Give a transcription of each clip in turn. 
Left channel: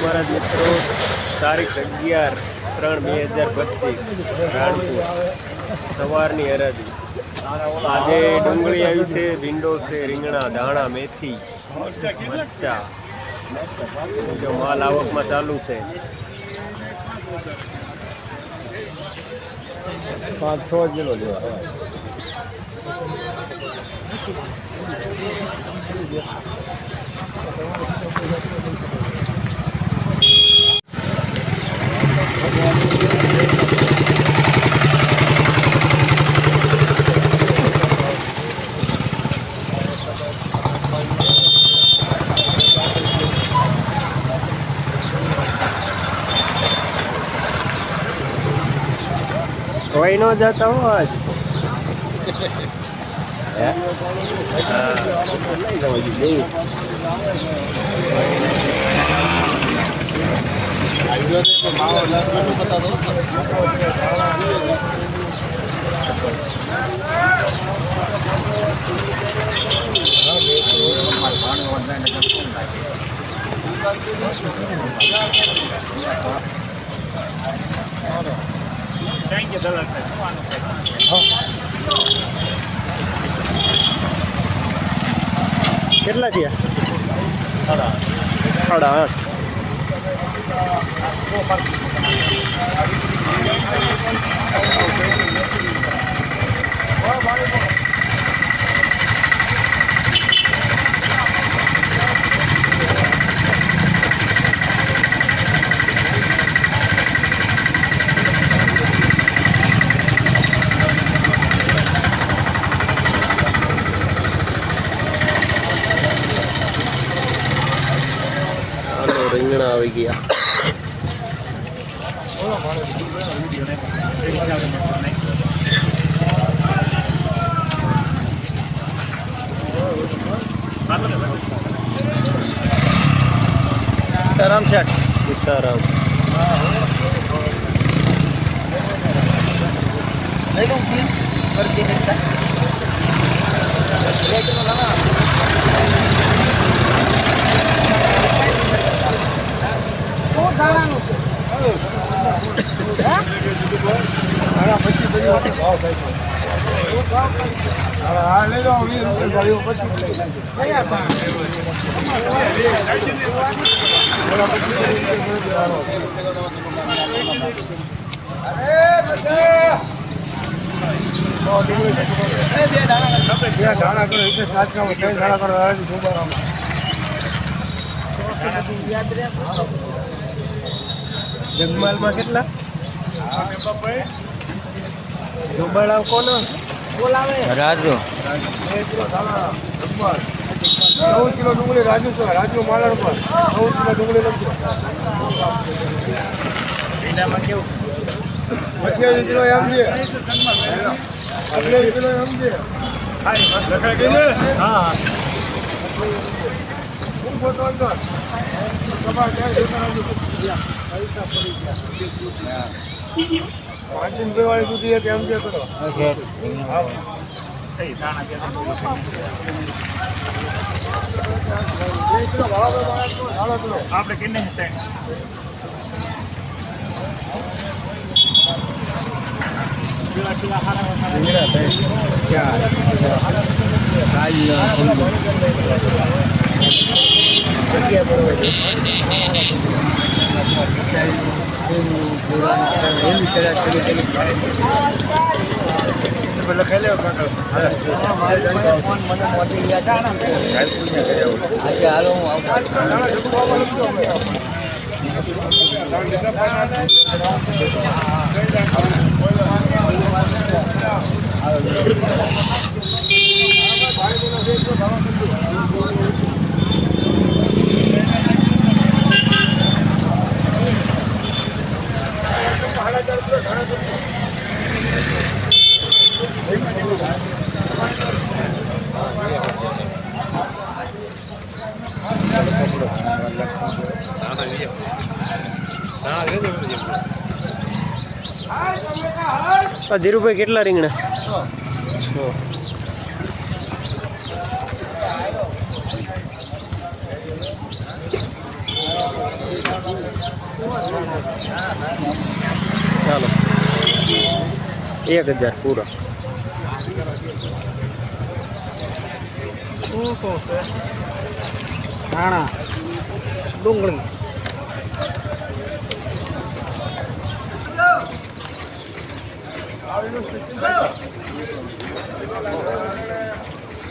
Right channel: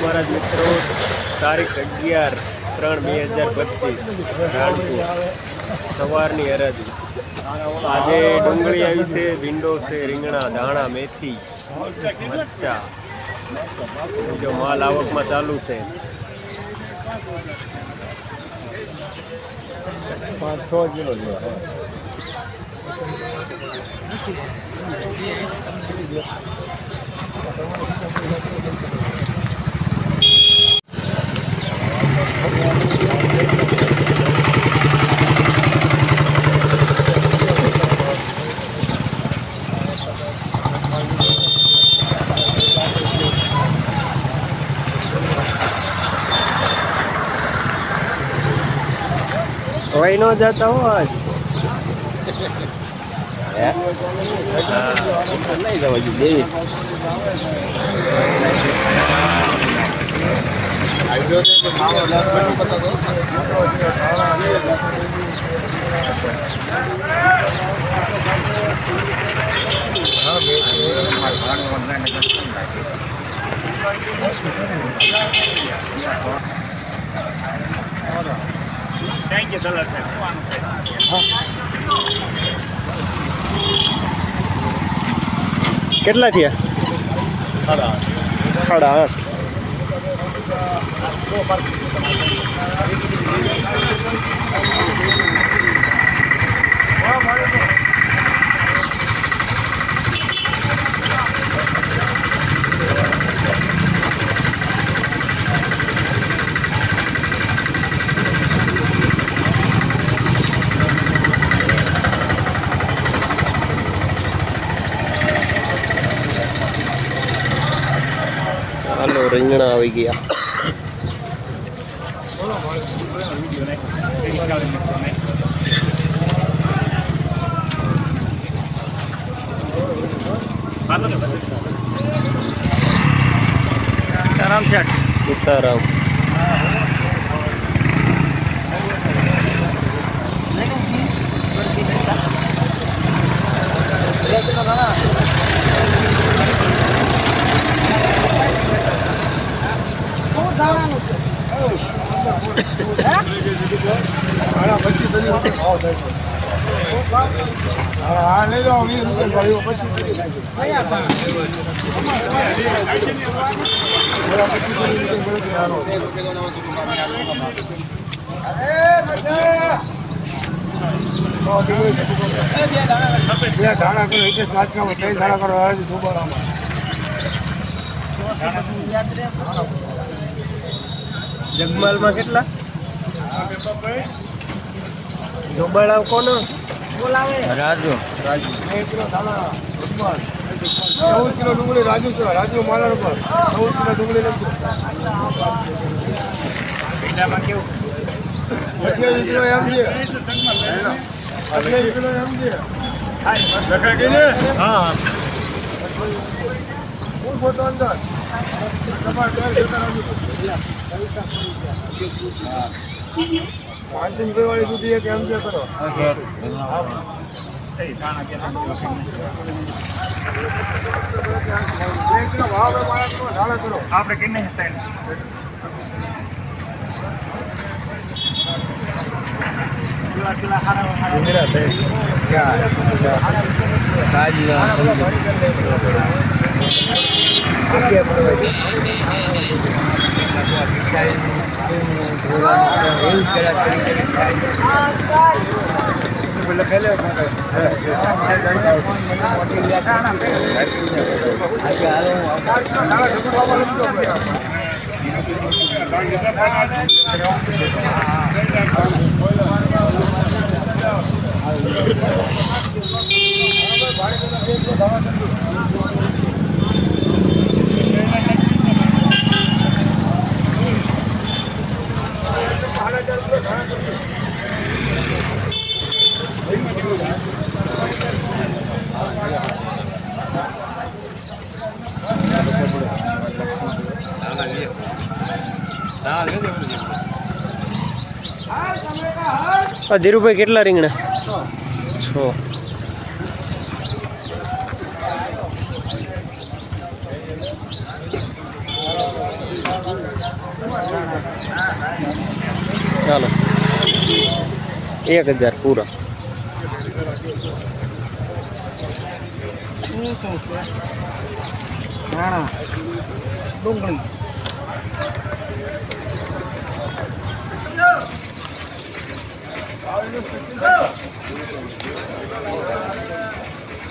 મહારાજ મિત્રો, તારીખ 11/3/2025 રાણપુર સવારની હરાજી। આજે ડુંગળી આવી છે, ભીંડો છે, રીંગણા, ધાણા, મેથી, મરચા, બીજો માલ આવકમાં ચાલુ છે। 5-6 કિલો લેવા। वही न जाता हो आज કેટલા થયા? 8.5। હાલો રીંગણા આવી ગયા। સીતારામ જગમાલમાં કેટલા? જોબાળા કોને બોલાવે? રાજુ 2 કિલો ધાણા, જગમાલ 14 કિલો ડુંગળી રાજુ છે, રાજુ માલણ પર 14 કિલો ડુંગળી લખજો। ભીંડામાં કેવું? 28 કિલો એમ છે, 28 કિલો એમ છે। હું ફોટો અંદર તમારે ત્યાં જોતા રાજુ ₹500 વાળી સુધી એક એમ જે કરો। આપણે કેટલે ધીરુભાઈ કેટલા રીંગણા? 6। 1000 પૂરા. શું છે ધાણા ડુંગળી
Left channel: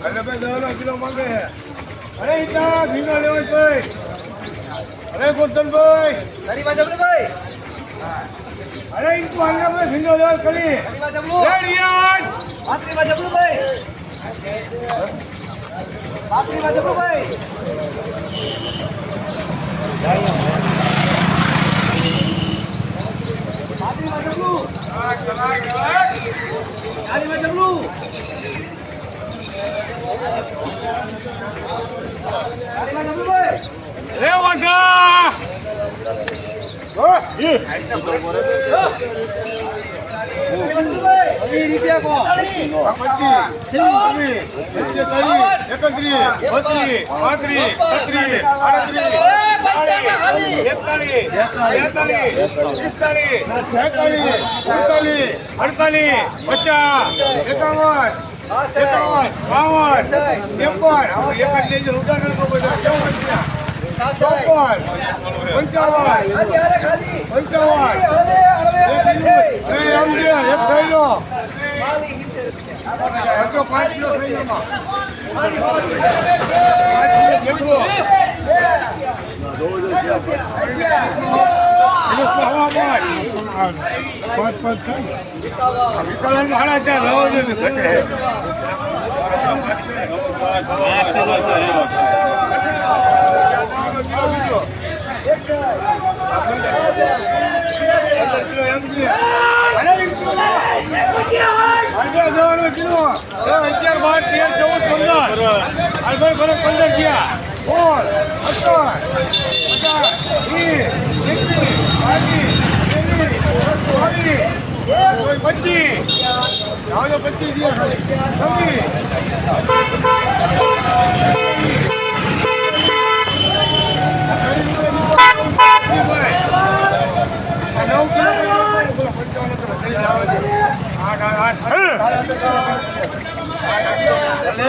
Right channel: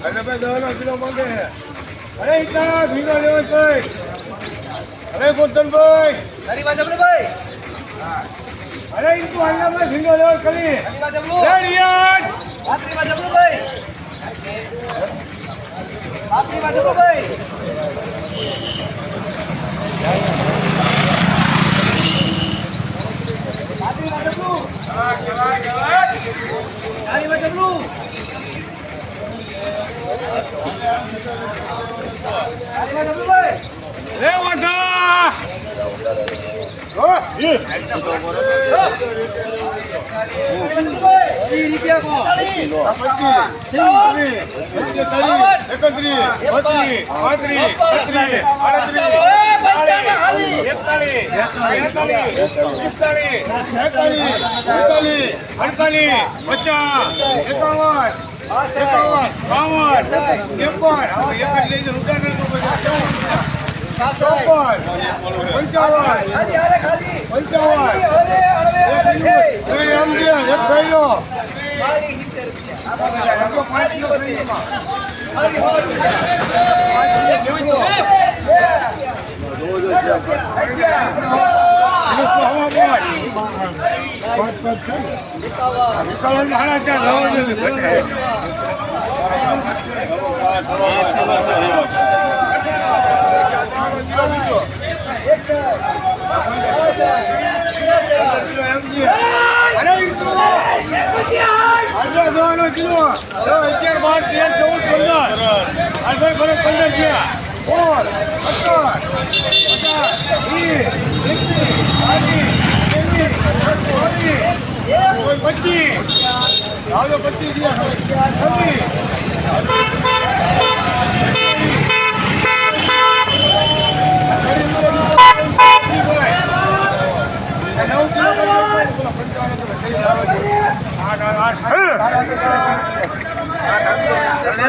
અરે ભાઈ 10 કિલો માંગે અરે ઇતા ભીનો લેવો ભાઈ અરે ગોરધનભાઈ અરે ઇતું હાલના ભાઈ ભીનો લેવો કલી રે રિયાજ રે વાંધા ઓ યે રૂપિયા કો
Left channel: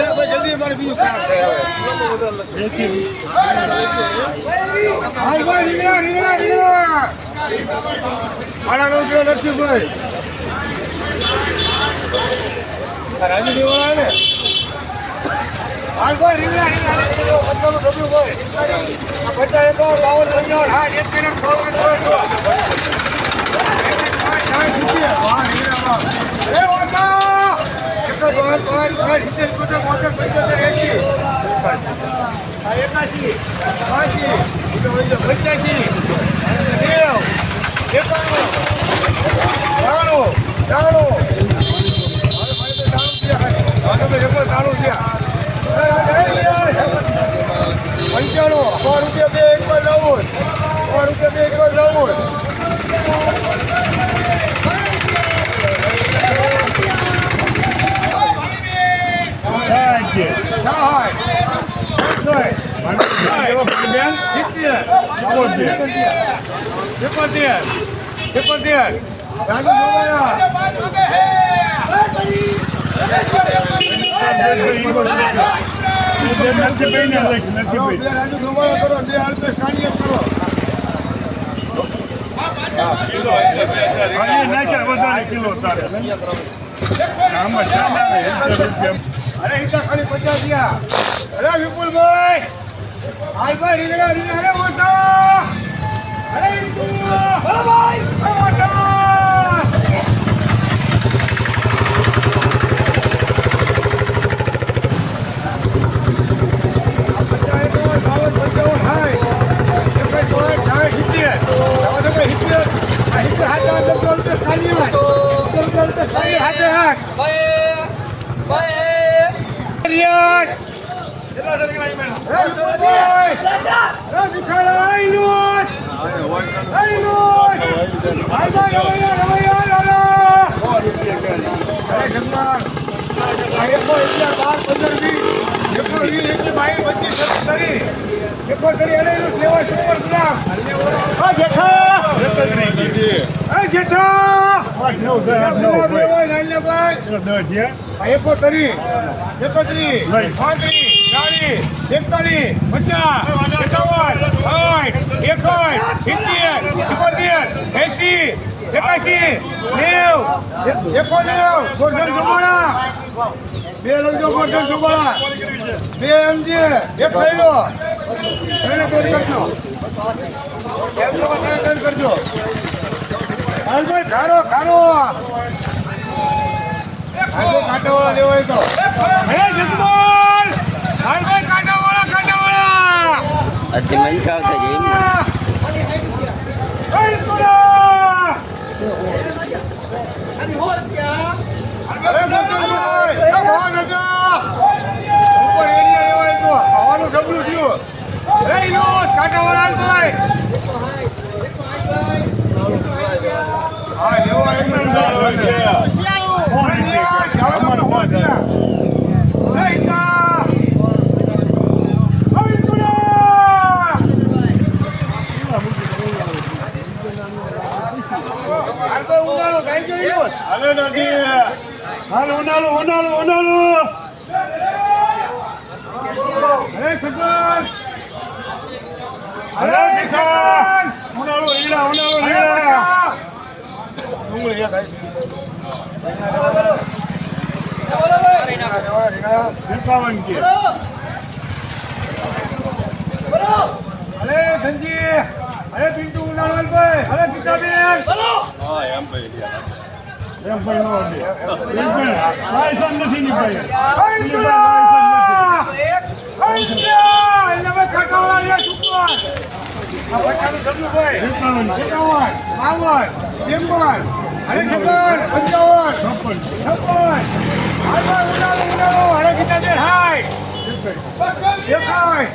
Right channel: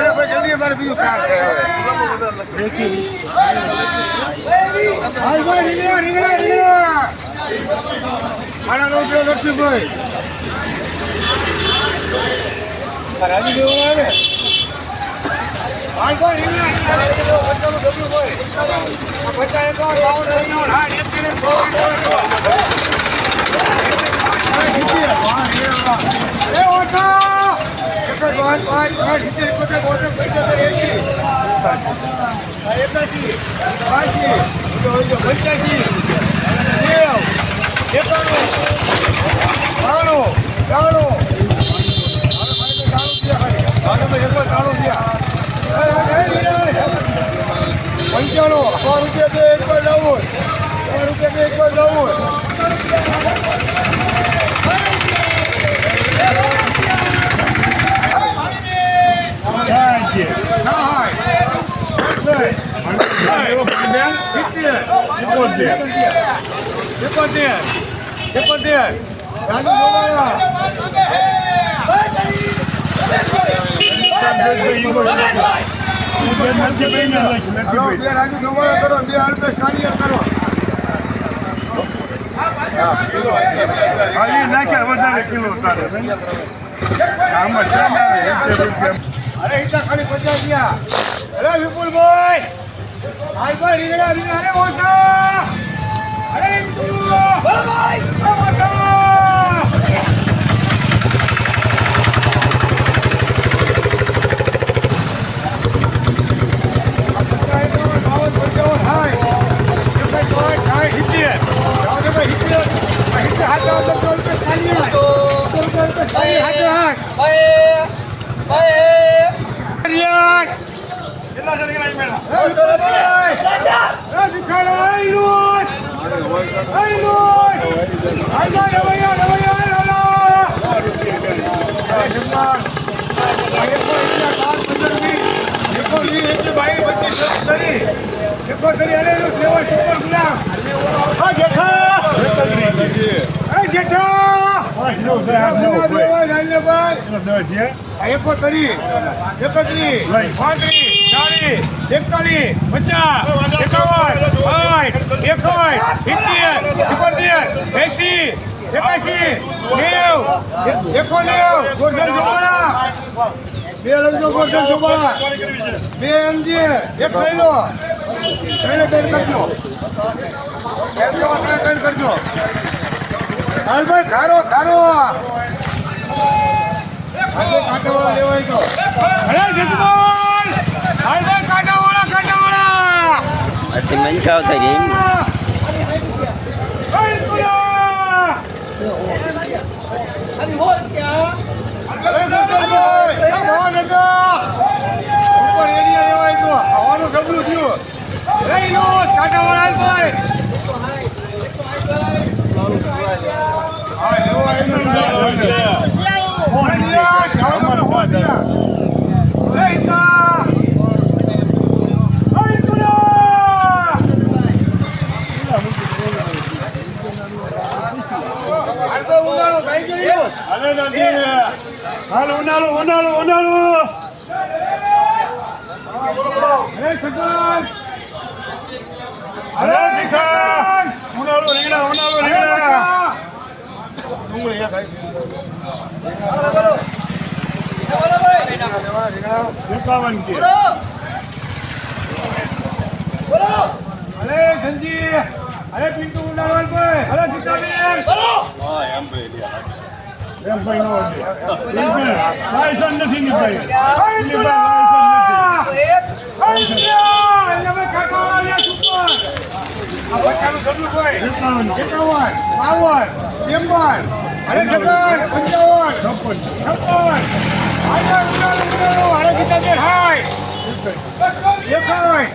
25 જલ્દી અમારે બીજું કામ છે નરસિંહભાઈ રાજુ દેવા આવે પંચાણું 100 રૂપિયા બે એક વાર લાવું 100 રૂપિયા બે એક વાર લાવું અરે હિતા ખાલી 50 ગયા અરે વિપુલભાઈ આઈ ભાઈ રીંગણા રીંગણા અરે મોટા અરે ઇન્દુ ભાઈ મોટા જેઠા ગુલાબ લેવાય નાલ્ય ભાઈ આ 71 31 35 40 41 50 51 60 ગોરધન જોવાળા બે લગજો ગોરધન જોવાળા બે એમજી એક સૈલો સૈલો તૈયાર કરજો એમ જેવા તૈયાર કરજો હાલભાઈ ખારો કાંટાવાળા લેવાય તો હે જસમોલ હાલભાઈ કાંટાવાળા આથી મંચાવ થઈ ગઈ અરે ગોરધનભાઈ આ ભવા નગર ઉપર એરિયા લેવાય તો ખાવાનું સબલું થયું લઈ લો કાંટાવાળા ભાઈ હા લેવાય હાલ ઉનાળો અરે સગન અરે નિખાન ઉનાળો રીંગણા ડુંગળી એક અરે ધનજી અરે પિન્ટુ ઉનાળો ભાઈ અરે ગીતાબેન હા એમ ભાઈ લાયસન્સ નથી ની ભાઈ અરે છપ્પન 55 56 ઉનાળો અરે ગીતાબેન હાય દેખાય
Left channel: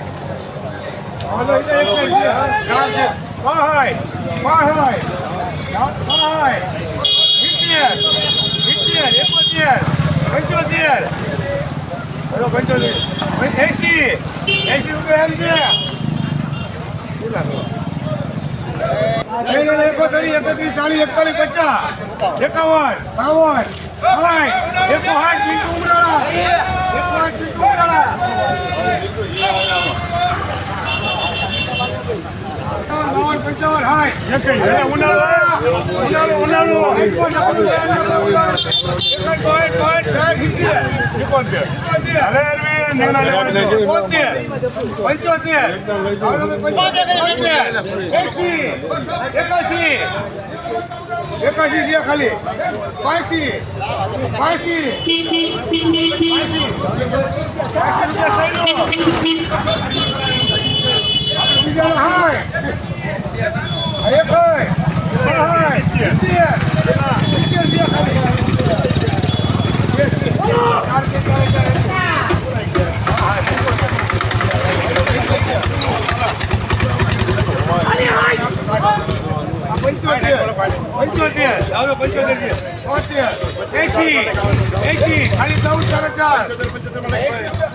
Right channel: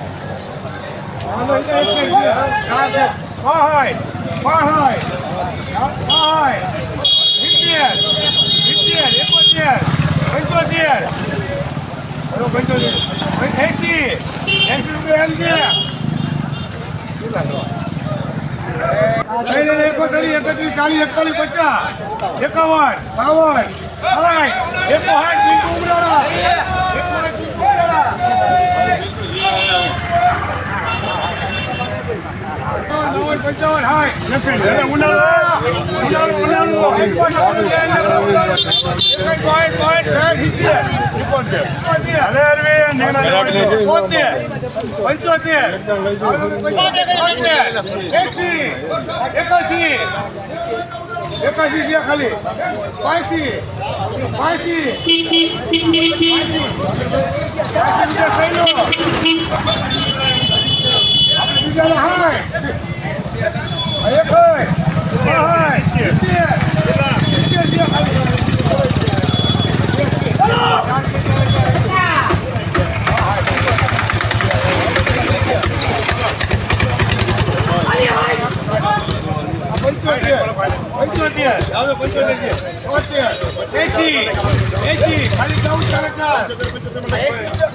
એકાશી ખાલી 85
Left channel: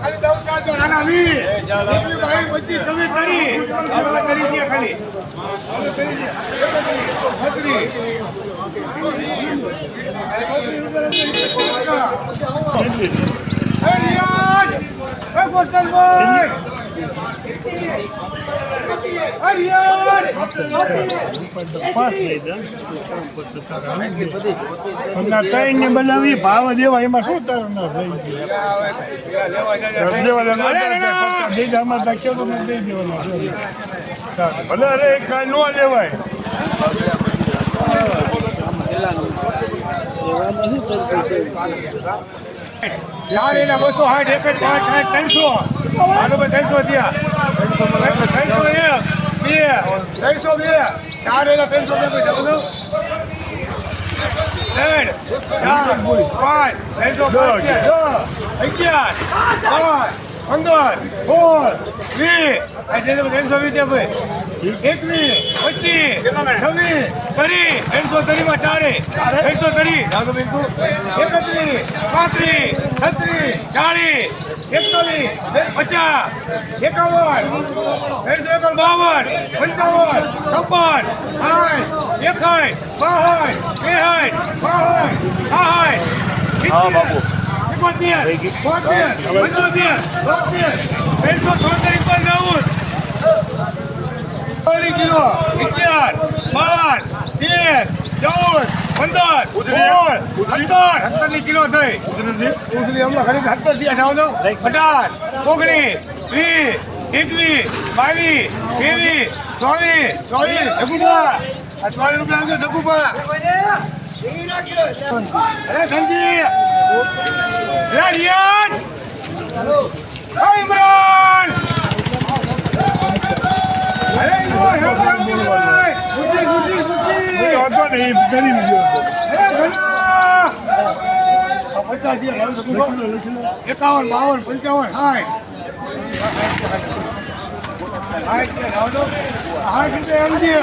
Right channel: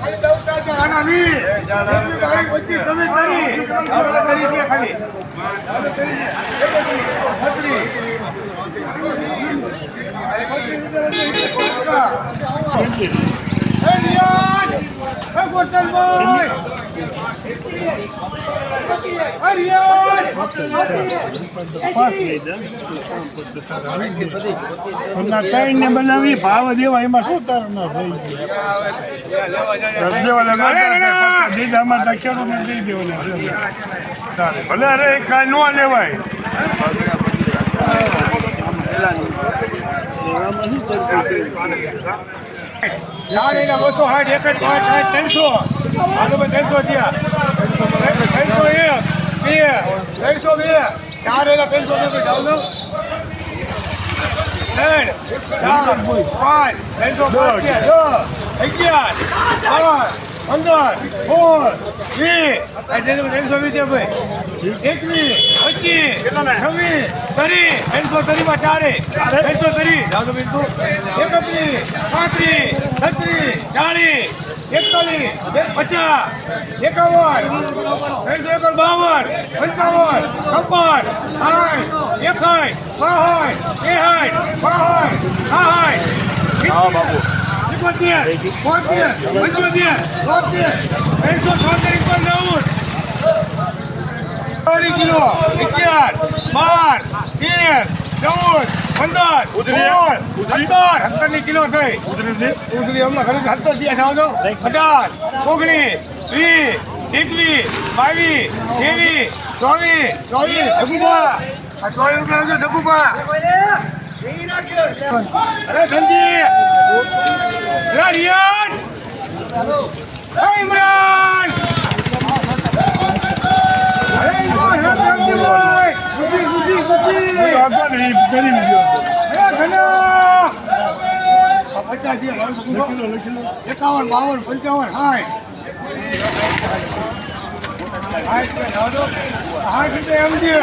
ખાલી 14 આના 20 ખાલી બનાવી ભાવ દેવા એમાં શું તાર ભલે અરે કાંઈ નો લેવાય ચાર એના 260 એક 300 થયા 302 ચાર એના 302 જાવ દો 3 4 5 305 11 12 15 16 20 આ જે 320 ભાઈ 21 25 26 30 માં ચારે 330 જાવ તો બિંદુ 31 35 36 40 41, 50, 51, 52, 55, 56, 61, કિલો 11, 12, 13, 14, 15, 17 કિલો થઈ ઉધરી હમણાં ખરી 17 થયા જાવ તો 18, 19, 20, 21, 22, 23, 24, ધગુભા આ 24 રૂપિયા આવજો ધગુભા અરે ધનજી અરે રિયાજ ઇમરાન અરે ધનજીભાઈ ગુજી હતો ને એ ગરીબ ગયો હતો. અરે ઘણા 50 થયા જાવ તો લખી લો. 51, 52, 55, 60 એમ છે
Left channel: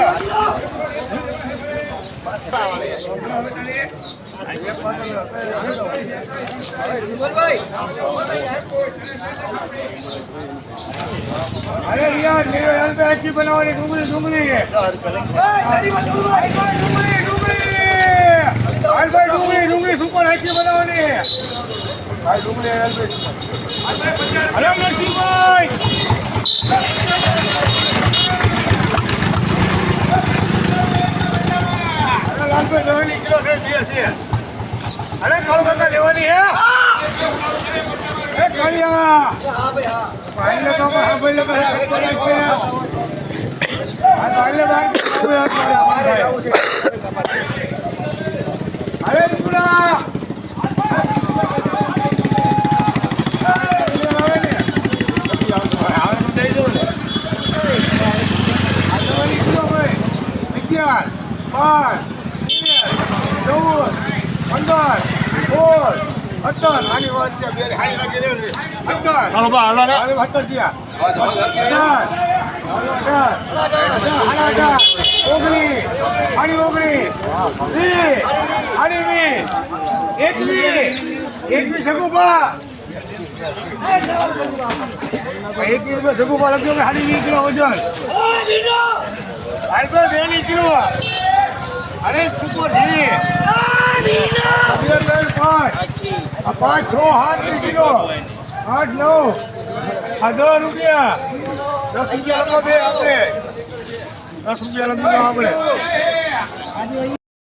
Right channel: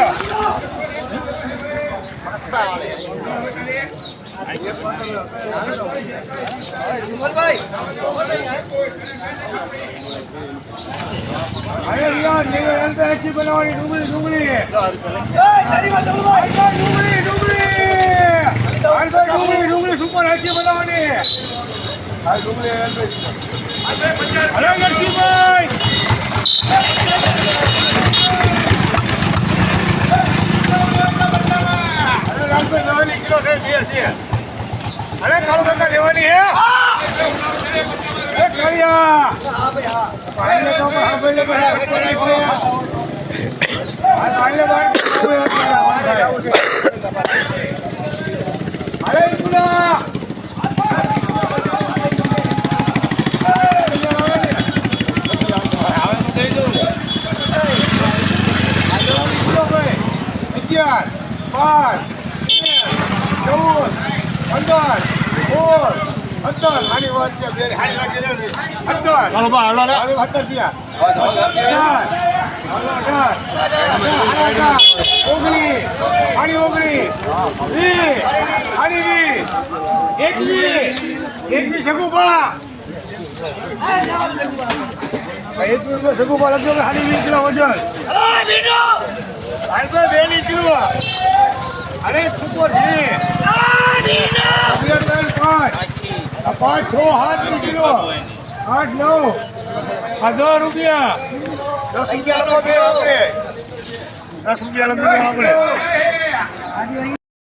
અરે યાર એલપી બનાવવાની ડુંગળી ડુંગળી ડુંગળી સુપર હાકી બનાવવાની ડુંગળી અરે નરસિંહભાઈ અરે લાલભાઈ દવાની કિલો છે અરે કાળુ કાકા લેવાની હે એ કાળિયા પાણી તો સાંભળી લે ફટકો નાખે આ પાણી બહાર અરે ઈકુડા આવે તો દઈ દઉં ને આ દવાની કિલો ભાઈ 11, 12, 13, 14, 15, 17 આની વાત છે બે હારી લાગી રહે 17 હાલો બા, હાલો રે. હવે 17 થયા 21 જગુભા 21 રૂપિયા જગુભા લખજો કે 20 કિલો વજન હાલ તો 2 કિલો અરે સુપર છે 5, 6, 7 કિલો 8, 9 આ 10 રૂપિયા 10 રૂપિયા લખો બે આપણે 10 રૂપિયા લખો આપણે